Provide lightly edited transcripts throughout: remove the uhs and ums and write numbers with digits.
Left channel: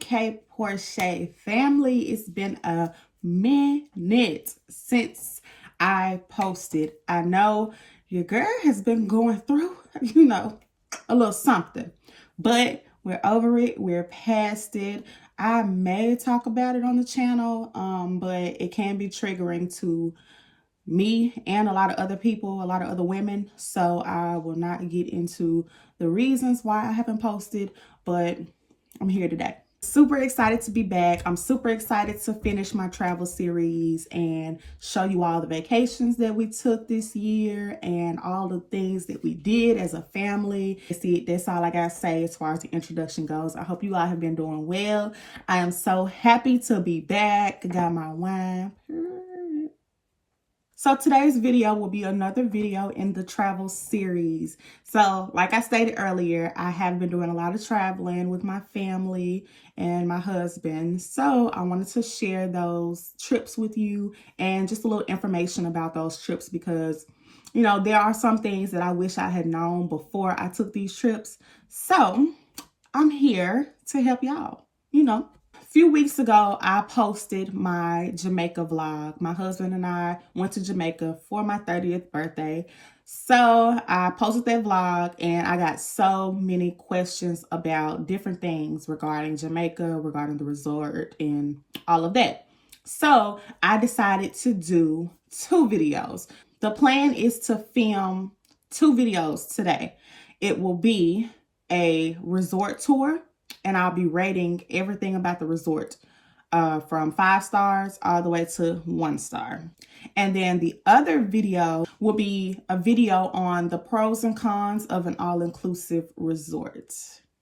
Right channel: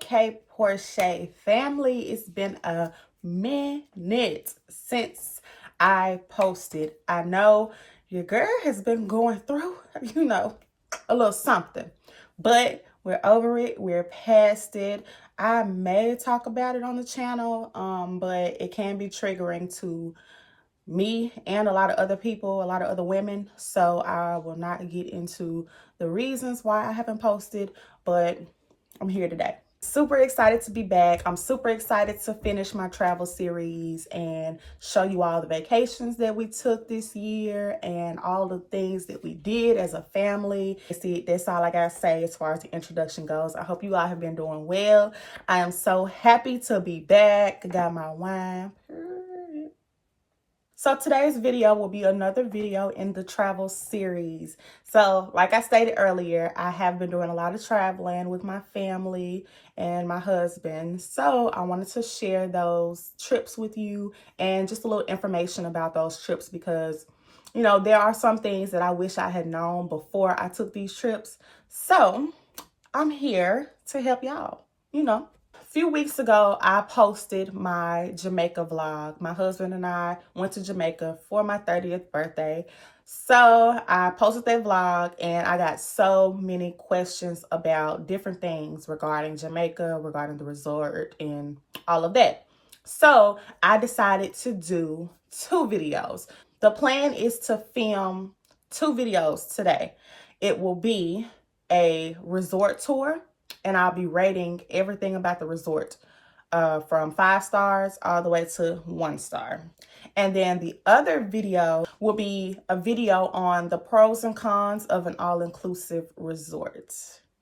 Hey, Porche family, it's been a minute since I posted. I know your girl has been going through, a little something, but we're over it. We're past it. I may talk about it on the channel, but it can be triggering to me and a lot of other people, a lot of other women. So I will not get into the reasons why I haven't posted, but I'm here today. Super excited to be back. I'm super excited to finish my travel series and show you all the vacations that we took this year and all the things that we did as a family. That's all I gotta say as far as the introduction goes. I hope you all have been doing well. I am so happy to be back. Got my wine. So today's video will be another video in the travel series. So like I stated earlier, I have been doing a lot of traveling with my family and my husband. So I wanted to share those trips with you and just a little information about those trips because, there are some things that I wish I had known before I took these trips. So I'm here to help y'all, A few weeks ago, I posted my Jamaica vlog. My husband and I went to Jamaica for my 30th birthday. So I posted that vlog and I got so many questions about different things regarding Jamaica, regarding the resort and all of that. So I decided to do 2 videos. The plan is to film 2 videos today. It will be a resort tour, and I'll be rating everything about the resort from 5 stars all the way to 1 star. And then the other video will be a video on the pros and cons of an all-inclusive resort.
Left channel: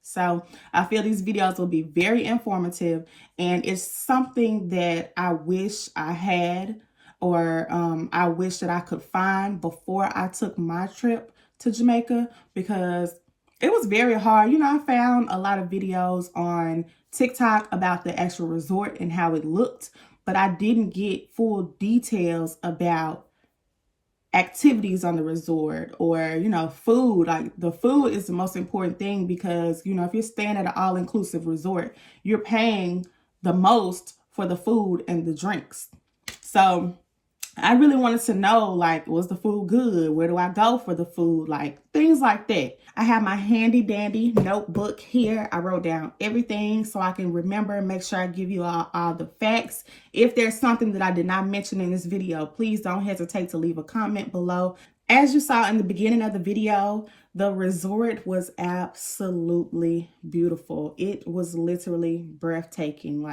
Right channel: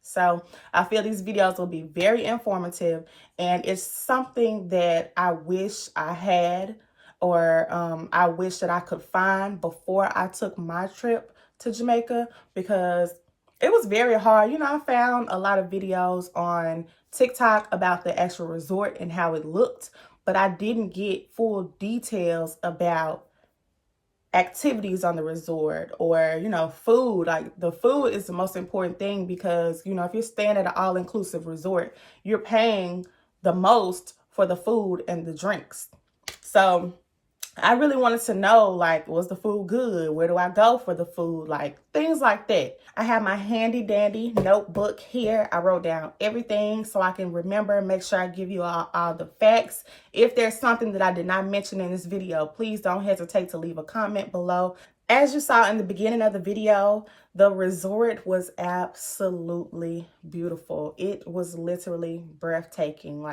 So I feel these videos will be very informative, and it's something that I wish I had or I wish that I could find before I took my trip to Jamaica, because it was very hard. I found a lot of videos on TikTok about the actual resort and how it looked, but I didn't get full details about activities on the resort or, food. Like, the food is the most important thing because, if you're staying at an all-inclusive resort, you're paying the most for the food and the drinks. So I really wanted to know, was the food good? Where do I go for the food? Things like that. I have my handy dandy notebook here. I wrote down everything so I can remember and make sure I give you all the facts. If there's something that I did not mention in this video, please don't hesitate to leave a comment below. As you saw in the beginning of the video, the resort was absolutely beautiful. It was literally breathtaking.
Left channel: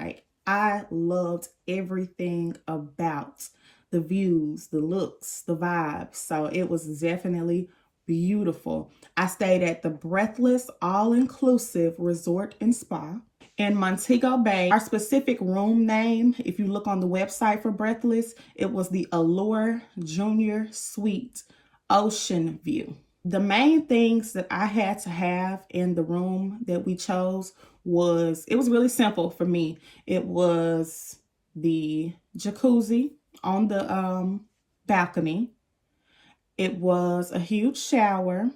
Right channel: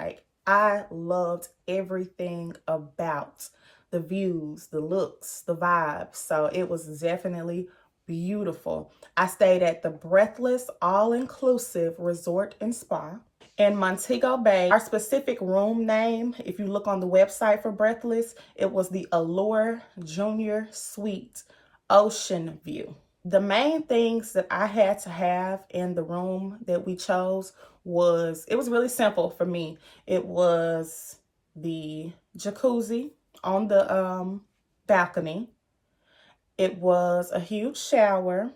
I loved everything about the views, the looks, the vibes. So it was definitely beautiful. I stayed at the Breathless All-Inclusive Resort and Spa in Montego Bay. Our specific room name, if you look on the website for Breathless, it was the Allure Junior Suite Ocean View. The main things that I had to have in the room that we chose it was really simple for me. It was the jacuzzi on the balcony. It was a huge shower,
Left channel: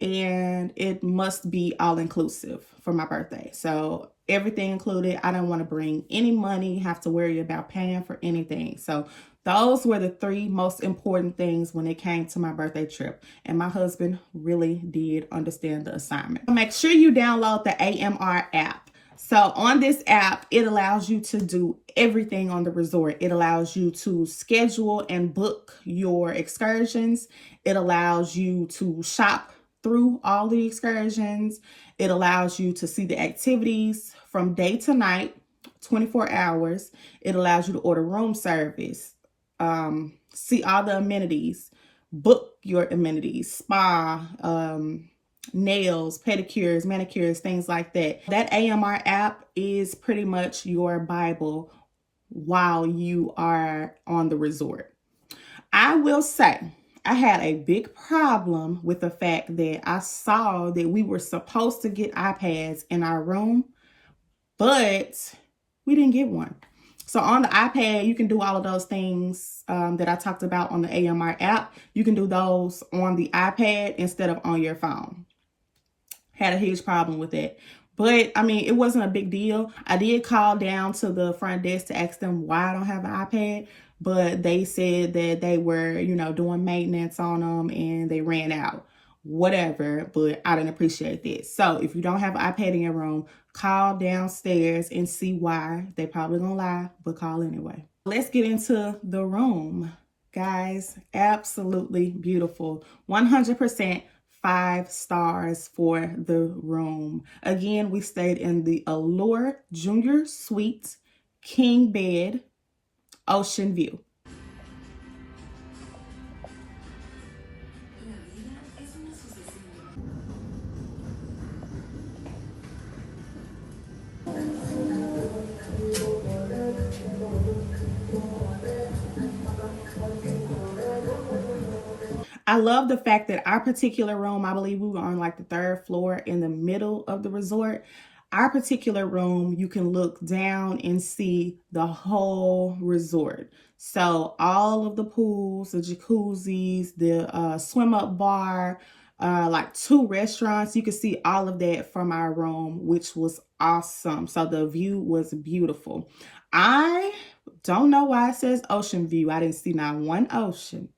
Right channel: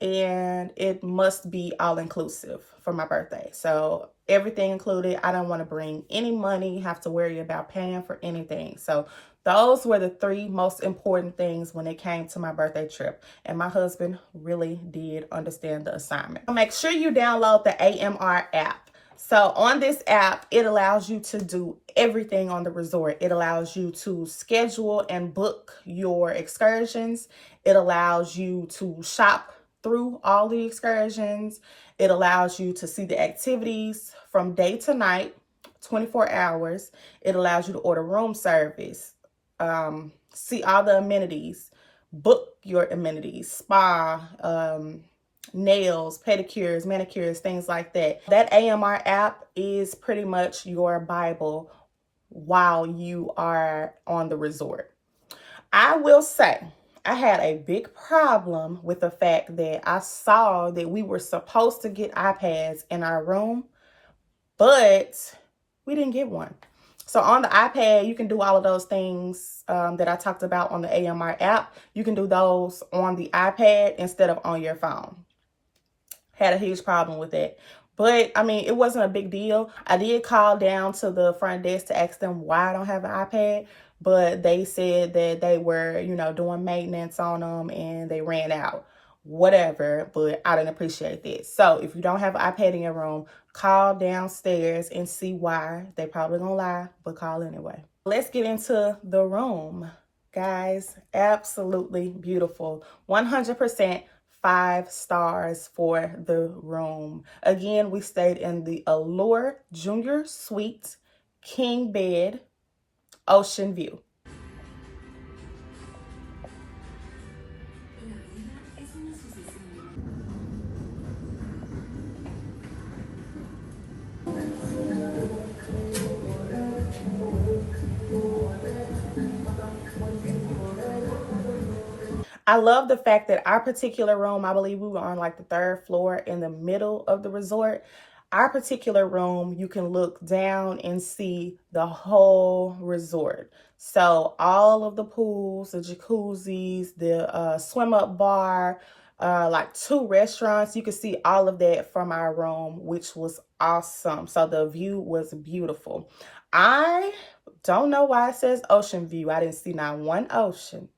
and it must be all-inclusive for my birthday. So everything included. I don't want to bring any money, have to worry about paying for anything. So those were the 3 most important things when it came to my birthday trip. And my husband really did understand the assignment. Make sure you download the AMR app. So on this app, it allows you to do everything on the resort. It allows you to schedule and book your excursions. It allows you to shop through all the excursions. It allows you to see the activities from day to night, 24 hours. It allows you to order room service, see all the amenities, book your amenities, spa, nails, pedicures, manicures, things like that. That AMR app is pretty much your Bible while you are on the resort. I will say I had a big problem with the fact that I saw that we were supposed to get iPads in our room, but we didn't get one. So on the iPad, you can do all of those things that I talked about on the AMR app. You can do those on the iPad instead of on your phone. Had a huge problem with it. But I mean, it wasn't a big deal. I did call down to the front desk to ask them why I don't have an iPad, but they said that they were, you know, doing maintenance on them and they ran out. Whatever, but I didn't appreciate that. So if you don't have an iPad in your room, call downstairs and see why. They probably gonna lie, but call anyway. Let's get into the room. Guys, absolutely beautiful. 100% 5 stars for the room. Again, we stayed in the Allure Junior Suite, king bed, ocean view. I love the fact that our particular room, I believe we were on like the 3rd floor in the middle of the resort. Our particular room, you can look down and see the whole resort. So all of the pools, the jacuzzis, the swim up bar, like 2 restaurants, you can see all of that from our room, which was awesome. So the view was beautiful. I don't know why it says ocean view. I didn't see not one ocean.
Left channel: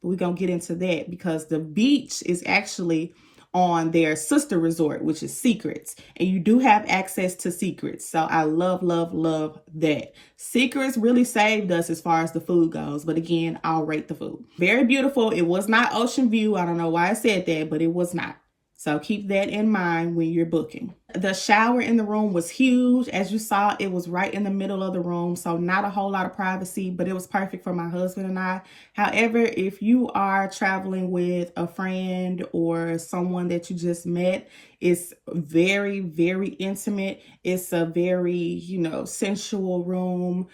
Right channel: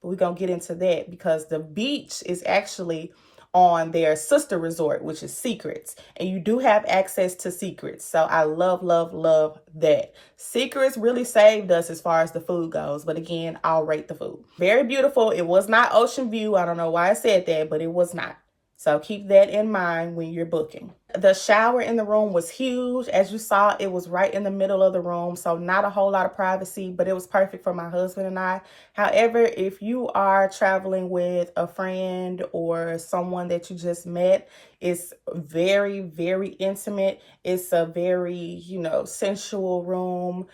We're going to get into that because the beach is actually on their sister resort, which is Secrets. And you do have access to Secrets. So I love, love, love that. Secrets really saved us as far as the food goes. But again, I'll rate the food. Very beautiful. It was not ocean view. I don't know why I said that, but it was not. So keep that in mind when you're booking. The shower in the room was huge. As you saw, it was right in the middle of the room. So not a whole lot of privacy, but it was perfect for my husband and I. However, if you are traveling with a friend or someone that you just met, it's very, very intimate. It's a very, you know, sensual room.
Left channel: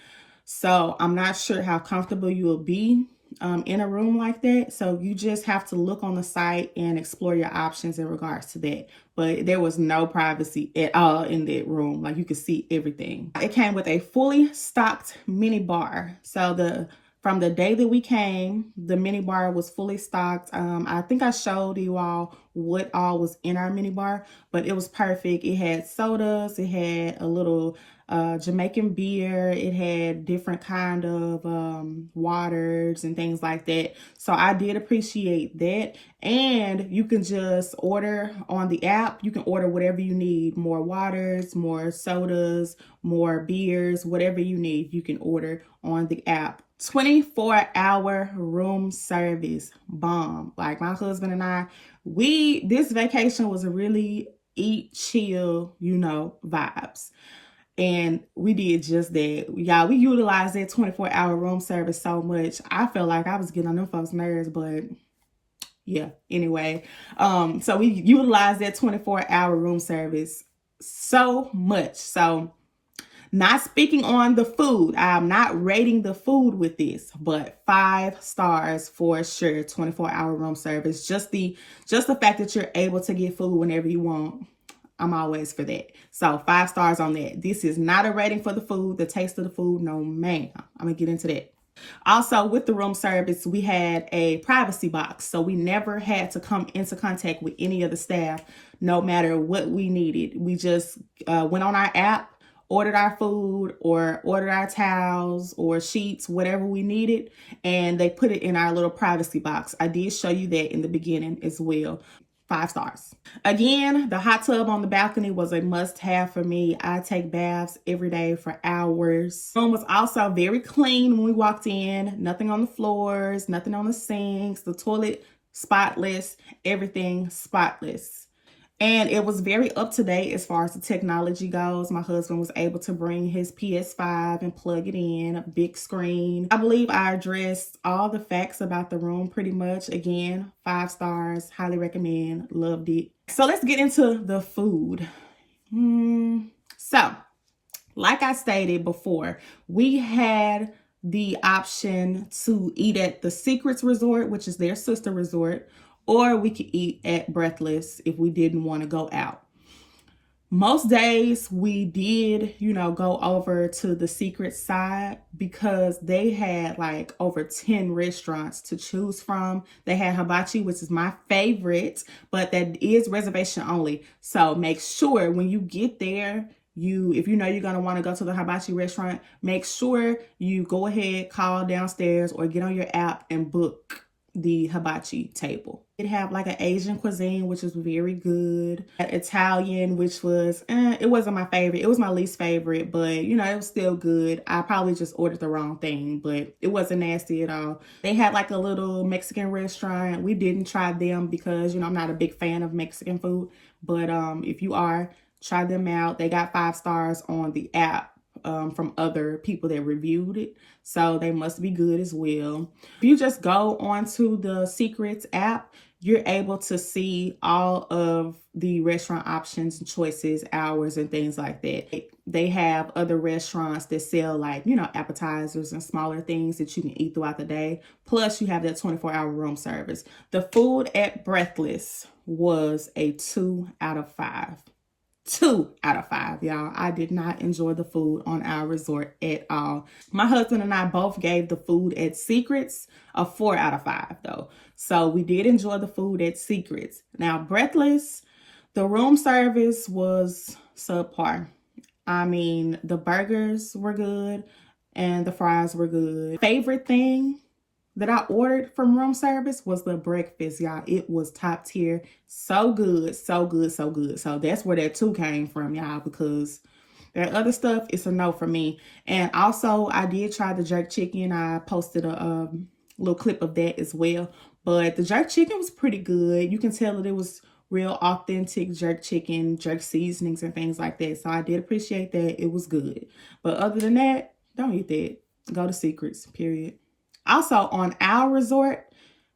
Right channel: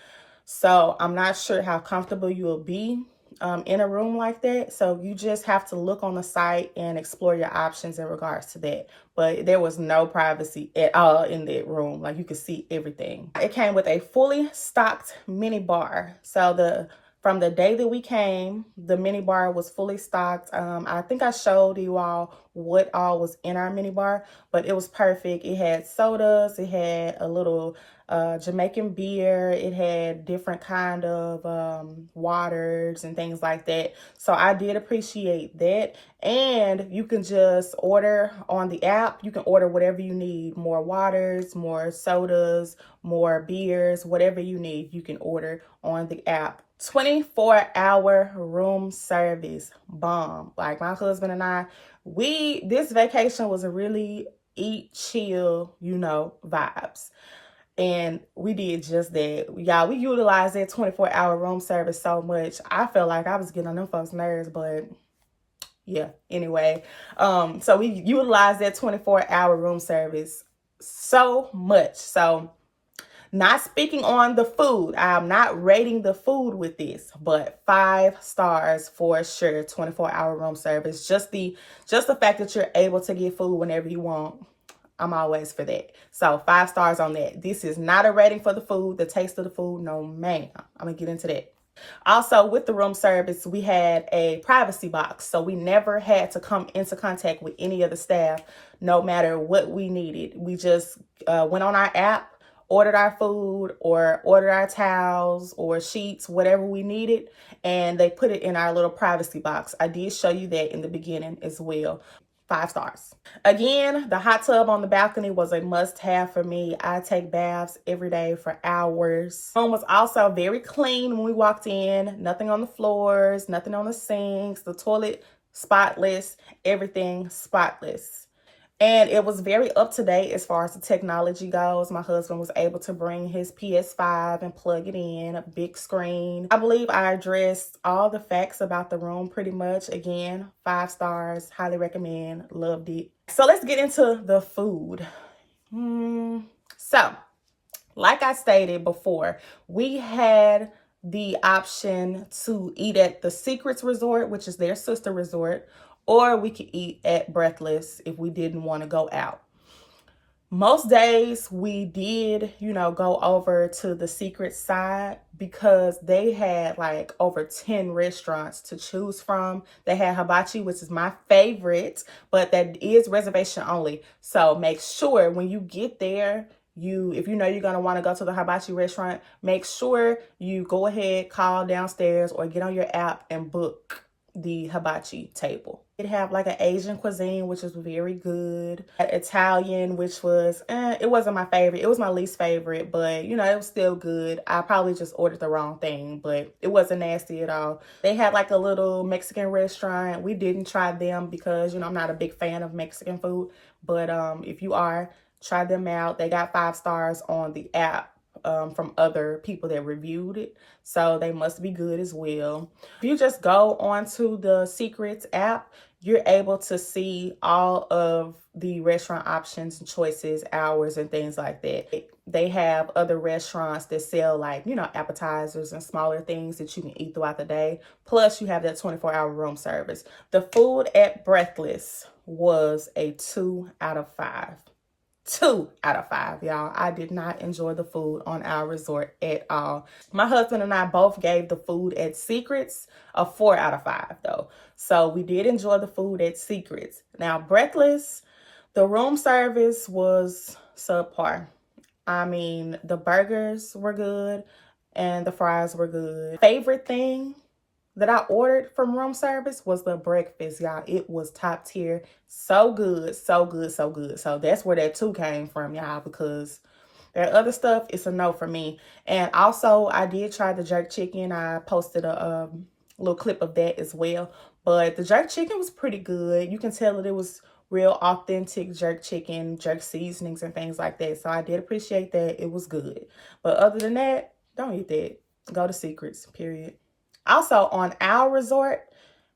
So I'm not sure how comfortable you will be in a room like that. So you just have to look on the site and explore your options in regards to that. But there was no privacy at all in that room. Like you could see everything. It came with a fully stocked mini bar. So from the day that we came, the mini bar was fully stocked. I think I showed you all what all was in our mini bar, but it was perfect. It had sodas. It had a little Jamaican beer. It had different kind of waters and things like that. So I did appreciate that. And you can just order on the app. You can order whatever you need. More waters, more sodas, more beers, whatever you need, you can order on the app. 24-hour room service, bomb. Like my husband and I, this vacation was a really eat, chill, you know, vibes. And we did just that. Y'all, we utilized that 24-hour room service so much. I felt like I was getting on them folks' nerves, but yeah, anyway. So we utilized that 24-hour room service so much. So not speaking on the food. I'm not rating the food with this, but 5 stars for sure. 24-hour room service. Just the fact that you're able to get food whenever you want. I'm always for that. So 5 stars on that. This is not a rating for the food, the taste of the food. No, ma'am. I'm going to get into that. Also, with the room service, we had a privacy box. So we never had to come into contact with any of the staff, no matter what we needed. We just went on our app, ordered our food or ordered our towels or sheets, whatever we needed, and they put it in our little privacy box. I did show you that in the beginning as well. 5 stars. Again, the hot tub on the balcony was a must-have for me. I take baths every day for hours. The room was also very clean when we walked in. Nothing on the floors, nothing on the sinks, the toilet spotless, everything spotless. And it was very up to date as far as the technology goes. My husband was able to bring his PS5 and plug it in, a big screen. I believe I addressed all the facts about the room pretty much. Again, 5 stars, highly recommend, loved it. So let's get into the food. So, like I stated before, we had the option to eat at the Secrets Resort, which is their sister resort, or we could eat at Breathless if we didn't want to go out. Most days we did, go over to the secret side because they had like over 10 restaurants to choose from. They had hibachi, which is my favorite, but that is reservation only. So make sure when you get there, if you know you're going to want to go to the hibachi restaurant, make sure you go ahead, call downstairs or get on your app and book the hibachi table. It had like an Asian cuisine, which was very good. Italian, which was, it wasn't my favorite. It was my least favorite, but it was still good. I probably just ordered the wrong thing, but it wasn't nasty at all. They had like a little Mexican restaurant. We didn't try them because, I'm not a big fan of Mexican food, but if you are, try them out. They got 5 stars on the app from other people that reviewed it. So they must be good as well. If you just go onto the Secrets app, you're able to see all of the restaurant options and choices, hours, and things like that. They have other restaurants that sell like, appetizers and smaller things that you can eat throughout the day. Plus, you have that 24-hour room service. The food at Breathless was a 2 out of 5. 2 out of 5, y'all. I did not enjoy the food on our resort at all. My husband and I both gave the food at Secrets a 4 out of 5 though. So we did enjoy the food at Secrets. Now, Breathless, the room service was subpar. I mean, the burgers were good and the fries were good. Favorite thing that I ordered from room service was the breakfast, y'all. It was top tier. So good, so good, so good. So that's where that 2 came from, y'all, because that other stuff is a no for me. And also, I did try the jerk chicken. I posted a little clip of that as well. But the jerk chicken was pretty good. You can tell that it was real authentic jerk chicken, jerk seasonings and things like that. So I did appreciate that. It was good. But other than that, don't eat that. Go to Secrets, period. Also, on our resort,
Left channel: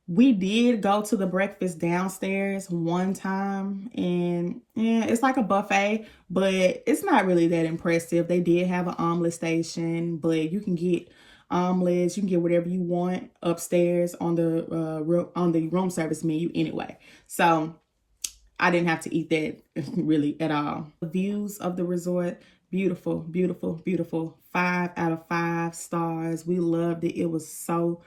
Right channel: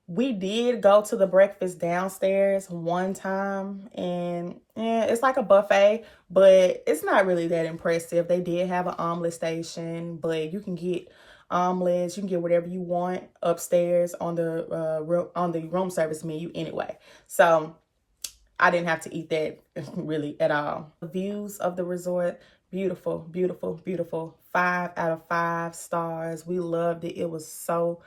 we did go to the breakfast downstairs one time, and it's like a buffet, but it's not really that impressive. They did have an omelet station, but you can get omelets, you can get whatever you want upstairs on the room service menu anyway. So I didn't have to eat that really at all. The views of the resort, beautiful, beautiful, beautiful. 5 out of 5 stars. We loved it. It was so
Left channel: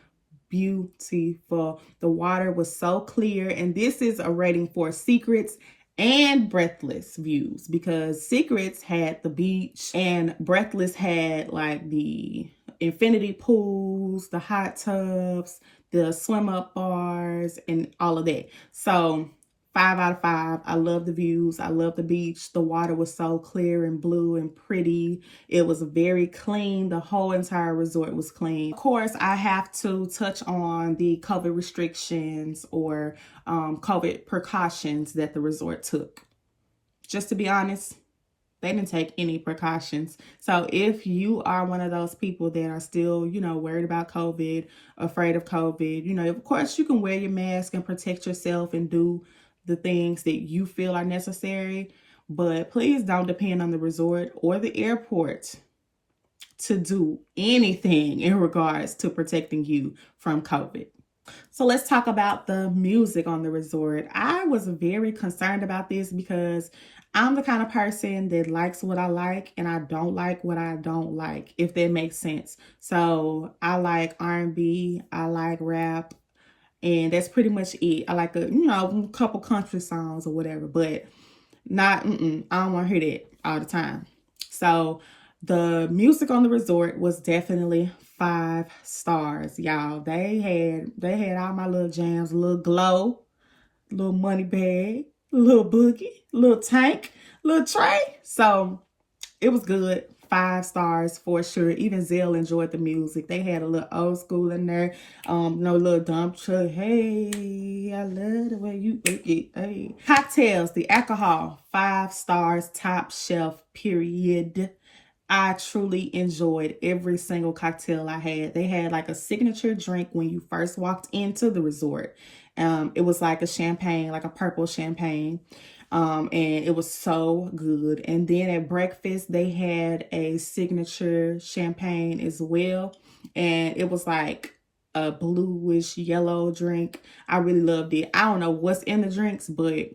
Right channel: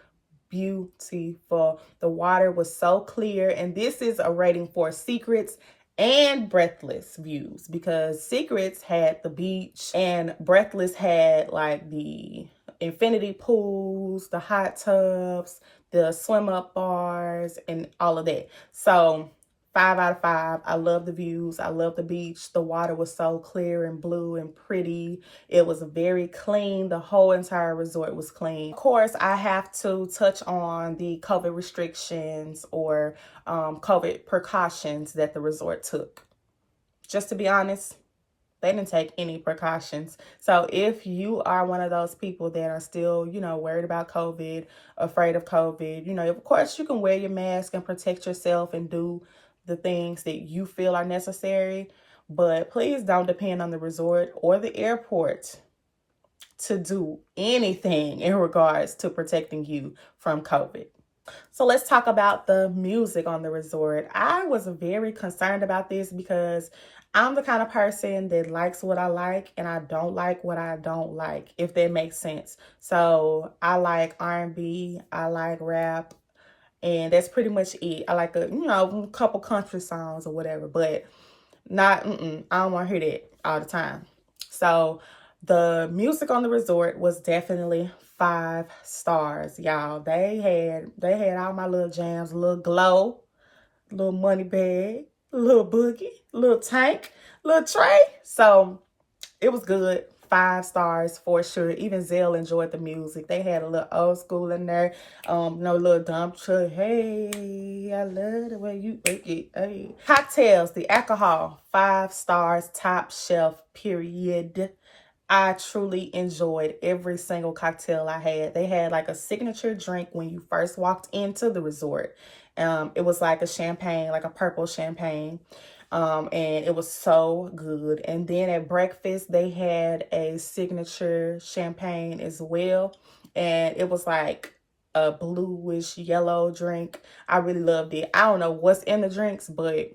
beautiful. The water was so clear. And this is a rating for Secrets and Breathless views, because Secrets had the beach and Breathless had like the infinity pools, the hot tubs, the swim up bars, and all of that. So 5 out of 5. I love the views. I love the beach. The water was so clear and blue and pretty. It was very clean. The whole entire resort was clean. Of course, I have to touch on the COVID restrictions or COVID precautions that the resort took. Just to be honest, they didn't take any precautions. So if you are one of those people that are still, worried about COVID, afraid of COVID, of course you can wear your mask and protect yourself and do the things that you feel are necessary, but please don't depend on the resort or the airport to do anything in regards to protecting you from COVID. So let's talk about the music on the resort. I was very concerned about this because I'm the kind of person that likes what I like and I don't like what I don't like, if that makes sense. So I like R&B, I like rap, and that's pretty much it. I like a couple country songs or whatever, but not, I don't want to hear that all the time. So the music on the resort was definitely 5 stars, y'all. They had all my little jams, little Glow, little Money Bag, little Boogie, little Tank, little Trey. So it was good. 5 stars for sure. Even Zell enjoyed the music. They had a little old school in there. No little dump truck. Hey, I love the way you hey. Cocktails, the alcohol, 5 stars, top shelf, period. I truly enjoyed every single cocktail I had. They had like a signature drink when you first walked into the resort. It was like a champagne, like a purple champagne. And it was so good. And then at breakfast, they had a signature champagne as well. And it was like a bluish yellow drink. I really loved it. I don't know what's in the drinks, but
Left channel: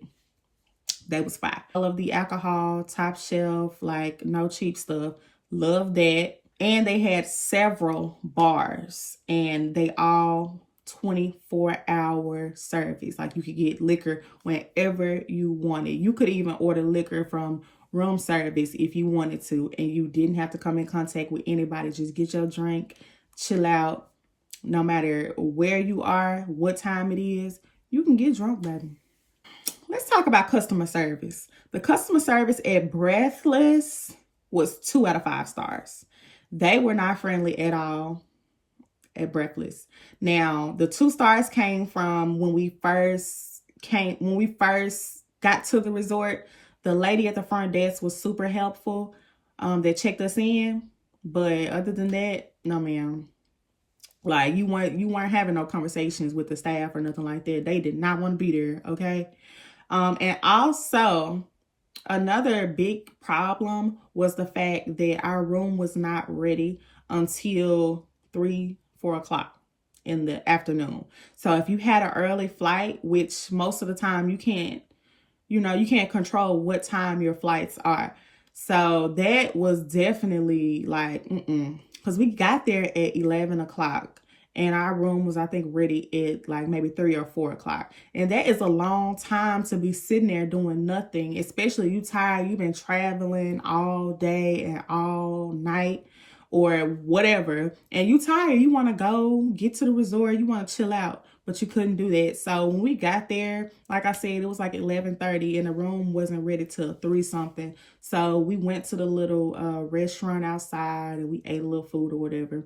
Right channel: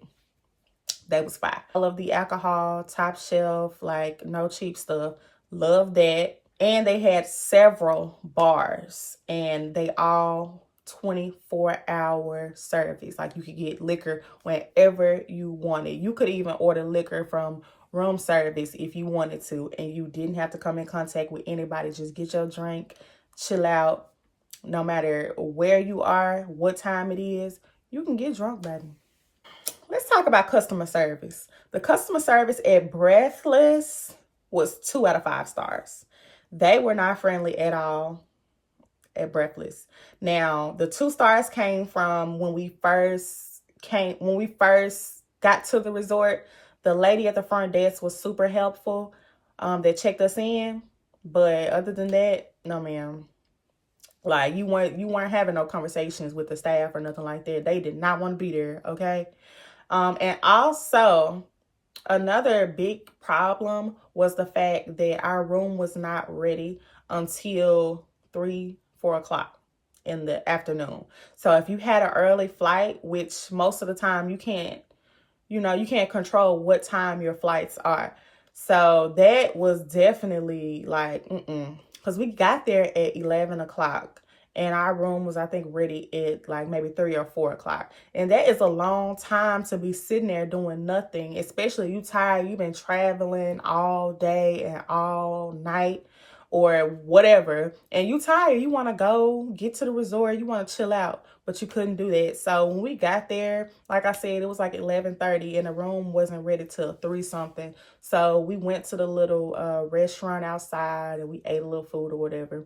They was fire. All of the alcohol, top shelf, like no cheap stuff. Love that. And they had several bars, and they all 24-hour service. Like you could get liquor whenever you wanted. You could even order liquor from room service if you wanted to, and you didn't have to come in contact with anybody. Just get your drink, chill out. No matter where you are, what time it is, you can get drunk, baby. Let's talk about customer service. The customer service at Breathless was 2 out of 5 stars. They were not friendly at all at Breathless. Now, the 2 stars came from when we first got to the resort. The lady at the front desk was super helpful. That checked us in, but other than that, no ma'am. Like you weren't having no conversations with the staff or nothing like that. They did not want to be there, okay? And also another big problem was the fact that our room was not ready until 3-4 o'clock in the afternoon. So if you had an early flight, which most of the time you can't control what time your flights are. So that was definitely like, because we got there at 11 o'clock. And our room was, I think, ready at like maybe 3 or 4 o'clock. And that is a long time to be sitting there doing nothing, especially you tired. You've been traveling all day and all night or whatever. And you tired. You want to go get to the resort. You want to chill out. But you couldn't do that. So when we got there, like I said, it was like 11:30 and the room wasn't ready till 3 something. So we went to the little restaurant outside and we ate a little food or whatever.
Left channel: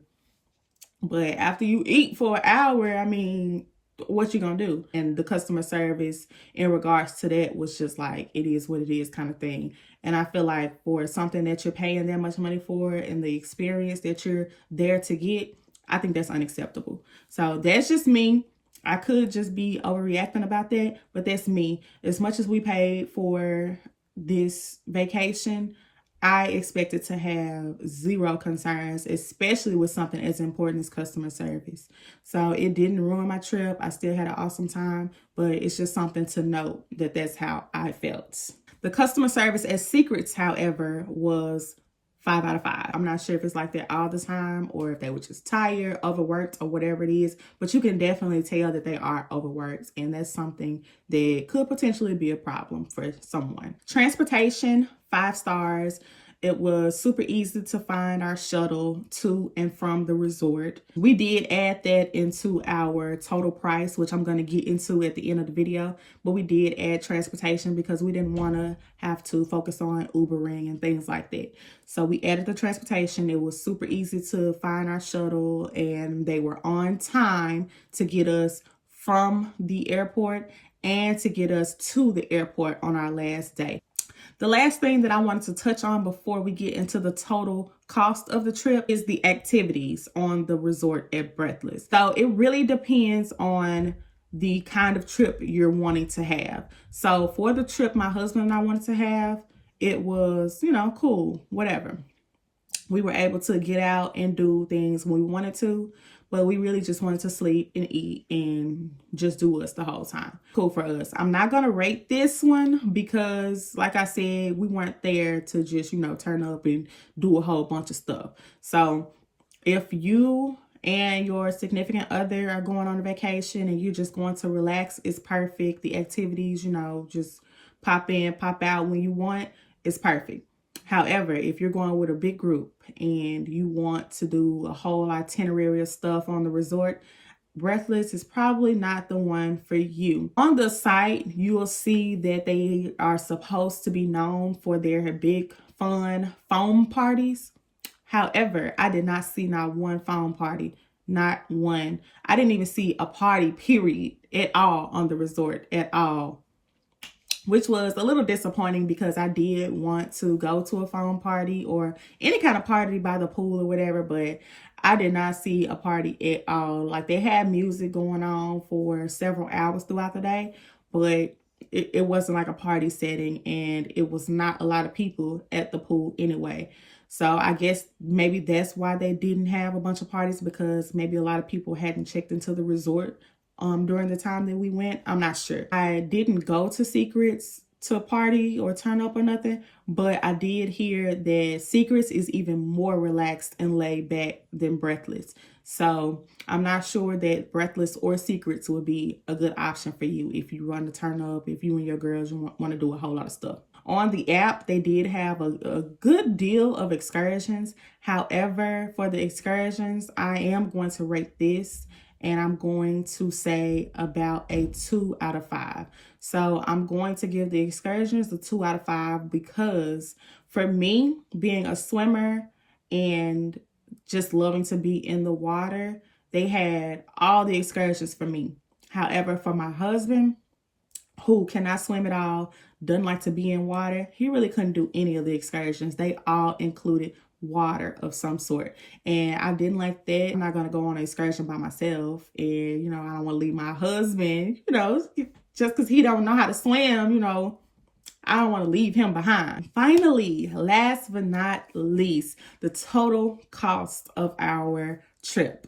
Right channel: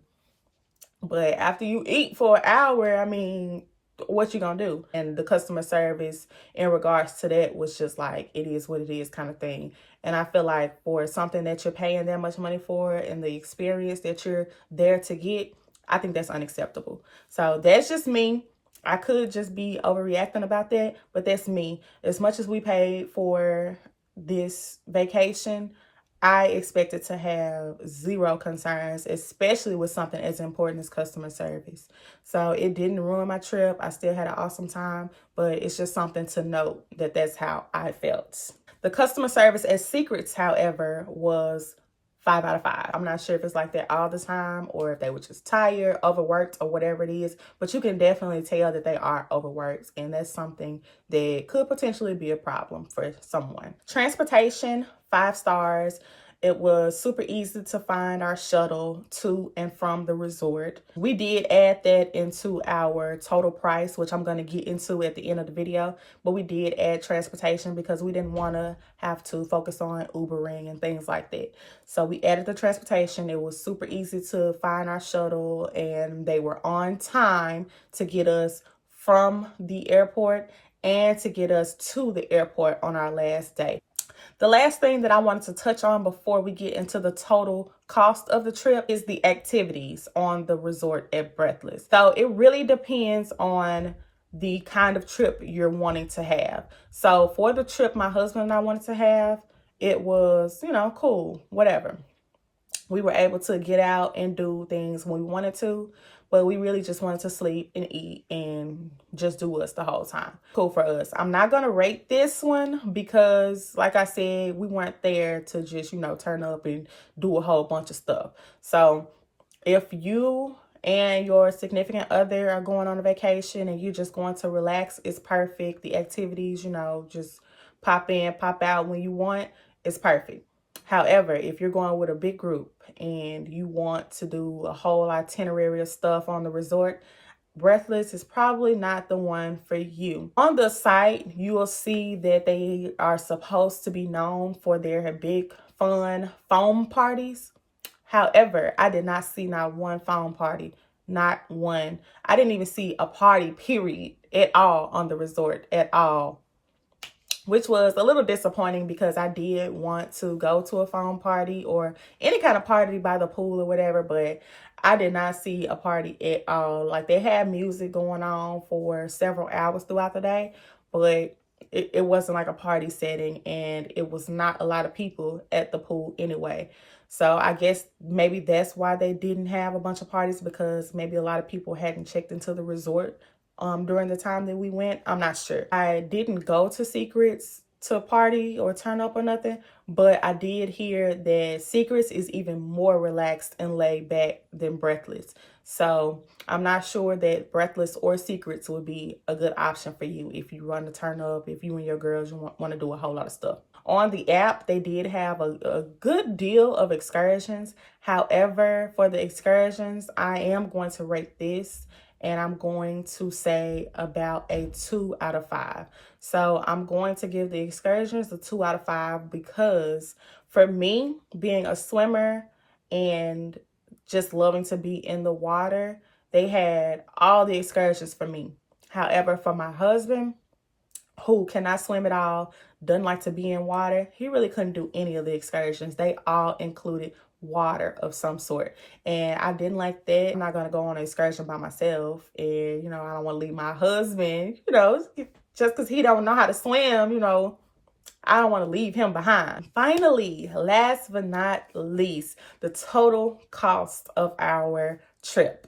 But after you eat for an hour, I mean, what you gonna do? And the customer service in regards to that was just like, it is what it is kind of thing. And I feel like for something that you're paying that much money for and the experience that you're there to get, I think that's unacceptable. So that's just me. I could just be overreacting about that, but that's me. As much as we paid for this vacation, I expected to have 0 concerns, especially with something as important as customer service. So it didn't ruin my trip. I still had an awesome time, but it's just something to note that that's how I felt. The customer service at Secrets, however, was 5 out of 5. I'm not sure if it's like that all the time or if they were just tired, overworked, or whatever it is, but you can definitely tell that they are overworked, and that's something that could potentially be a problem for someone. Transportation, 5 stars. It was super easy to find our shuttle to and from the resort. We did add that into our total price, which I'm going to get into at the end of the video. But we did add transportation because we didn't want to have to focus on Ubering and things like that. So we added the transportation. It was super easy to find our shuttle, and they were on time to get us from the airport and to get us to the airport on our last day. The last thing that I wanted to touch on before we get into the total cost of the trip is the activities on the resort at Breathless. So it really depends on the kind of trip you're wanting to have. So for the trip my husband and I wanted to have, it was, cool, whatever. We were able to get out and do things when we wanted to, but we really just wanted to sleep and eat and just do us the whole time. Cool for us. I'm not going to rate this one because, like I said, we weren't there to just, turn up and do a whole bunch of stuff. So if you and your significant other are going on a vacation and you're just going to relax, it's perfect. The activities, just pop in, pop out when you want, it's perfect. However, if you're going with a big group and you want to do a whole itinerary of stuff on the resort, Breathless is probably not the one for you. On the site, you will see that they are supposed to be known for their big, fun foam parties. However, I did not see not one foam party, not one. I didn't even see a party, period, at all on the resort, at all. Which was a little disappointing because I did want to go to a foam party or any kind of party by the pool or whatever, but I did not see a party at all. Like, they had music going on for several hours throughout the day, but it wasn't like a party setting, and it was not a lot of people at the pool anyway. So I guess maybe that's why they didn't have a bunch of parties, because maybe a lot of people hadn't checked into the resort during the time that we went. I'm not sure. I didn't go to Secrets to party or turn up or nothing, but I did hear that Secrets is even more relaxed and laid back than Breathless. So I'm not sure that Breathless or Secrets would be a good option for you if you want to turn up, if you and your girls want to do a whole lot of stuff. On the app, they did have a good deal of excursions. However, for the excursions, I am going to rate this, and I'm going to say about a 2 out of 5. So I'm going to give the excursions a 2 out of 5 because for me, being a swimmer and just loving to be in the water, they had all the excursions for me. However, for my husband, who cannot swim at all, doesn't like to be in water, he really couldn't do any of the excursions. They all included water of some sort, and I didn't like that. I'm not gonna go on an excursion by myself, and I don't want to leave my husband, just because he don't know how to swim, I don't want to leave him behind. Finally, last but not least, the total cost of our trip.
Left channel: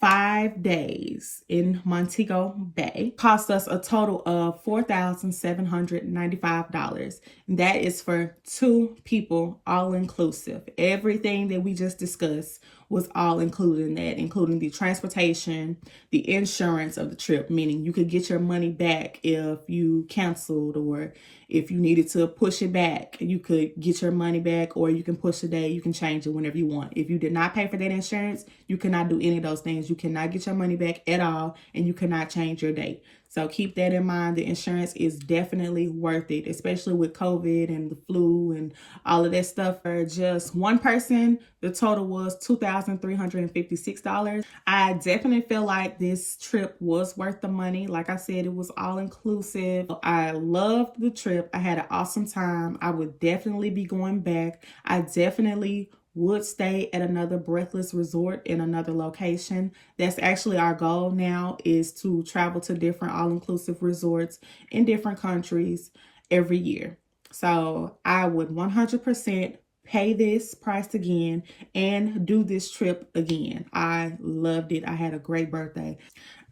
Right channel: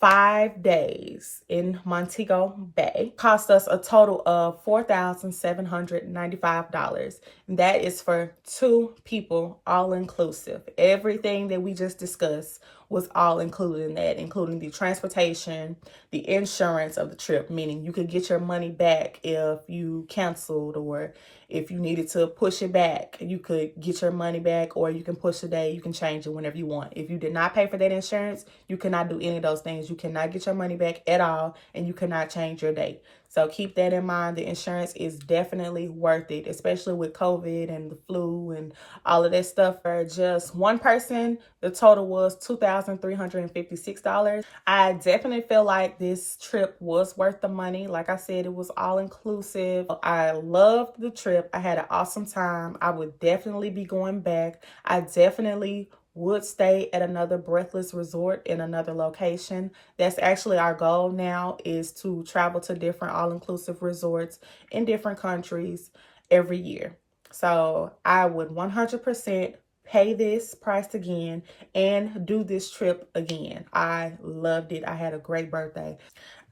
5 days in Montego Bay cost us a total of $4,795. That is for 2 people, all inclusive. Everything that we just discussed was all included in that, including the transportation, the insurance of the trip, meaning you could get your money back if you canceled, or if you needed to push it back, you could get your money back, or you can push the day, you can change it whenever you want. If you did not pay for that insurance, you cannot do any of those things. You cannot get your money back at all, and you cannot change your date. So keep that in mind. The insurance is definitely worth it, especially with COVID and the flu and all of that stuff. For just one person, the total was $2,356. I definitely feel like this trip was worth the money. Like I said, it was all inclusive. I loved the trip. I had an awesome time. I would definitely be going back. I definitely would stay at another Breathless resort in another location. That's actually our goal now, is to travel to different all-inclusive resorts in different countries every year. So I would 100% pay this price again and do this trip again. I loved it. I had a great birthday.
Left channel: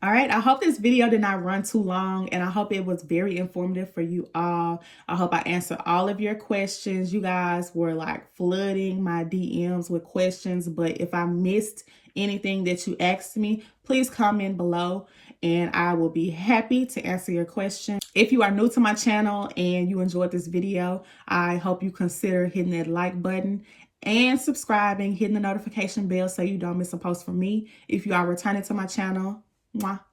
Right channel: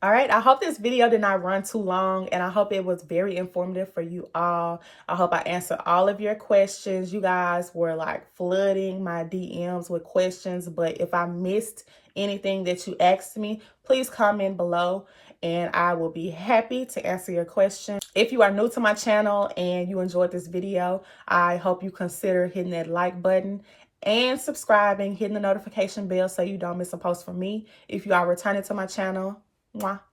All right, I hope this video did not run too long, and I hope it was very informative for you all. I hope I answered all of your questions. You guys were like flooding my DMs with questions, but if I missed anything that you asked me, please comment below and I will be happy to answer your question. If you are new to my channel and you enjoyed this video, I hope you consider hitting that like button and subscribing, hitting the notification bell so you don't miss a post from me. If you are returning to my channel,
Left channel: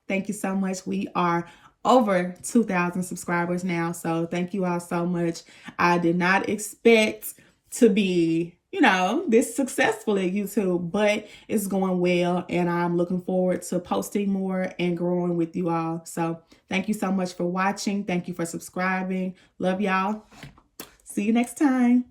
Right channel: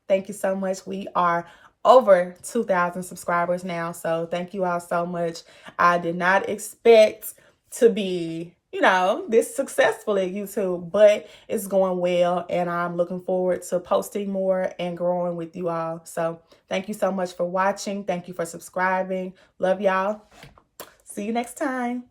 thank you so much. We are over 2,000 subscribers now, so thank you all so much. I did not expect to be, this successful at YouTube, but it's going well, and I'm looking forward to posting more and growing with you all. So thank you so much for watching. Thank you for subscribing. Love y'all. See you next time.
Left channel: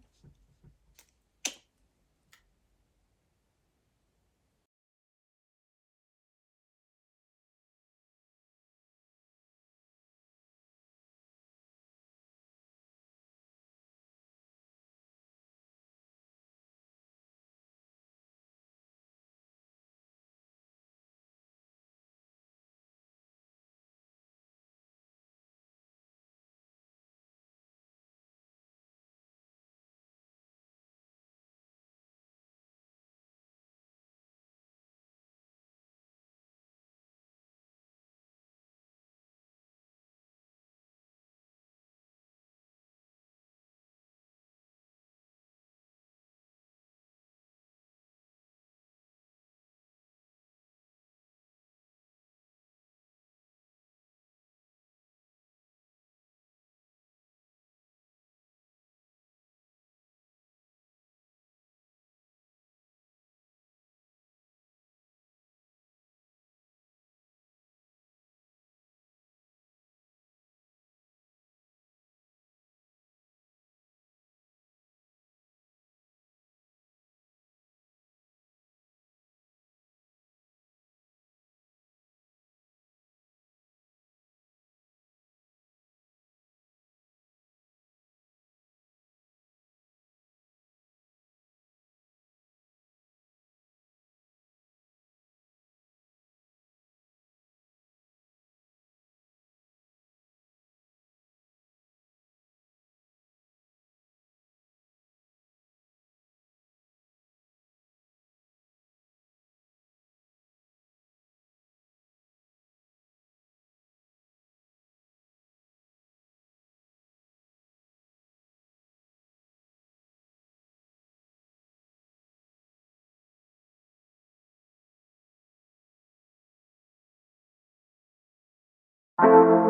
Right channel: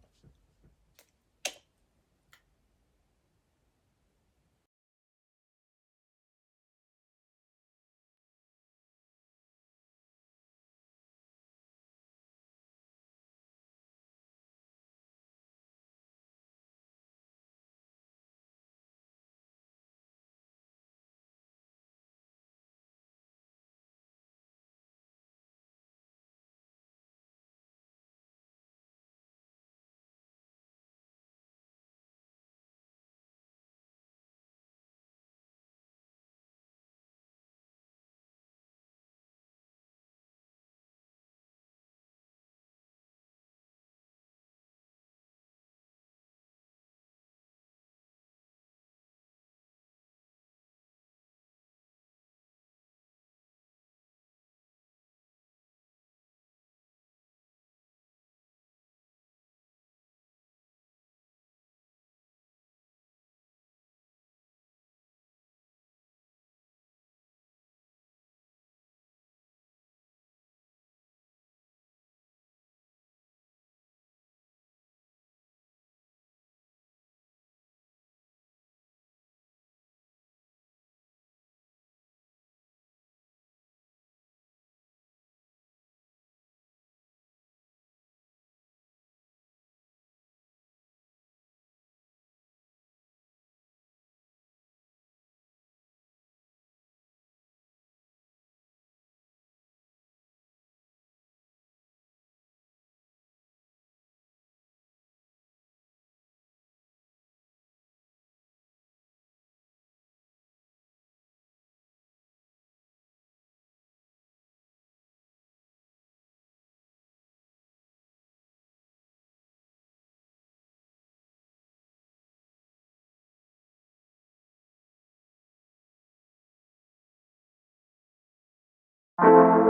you.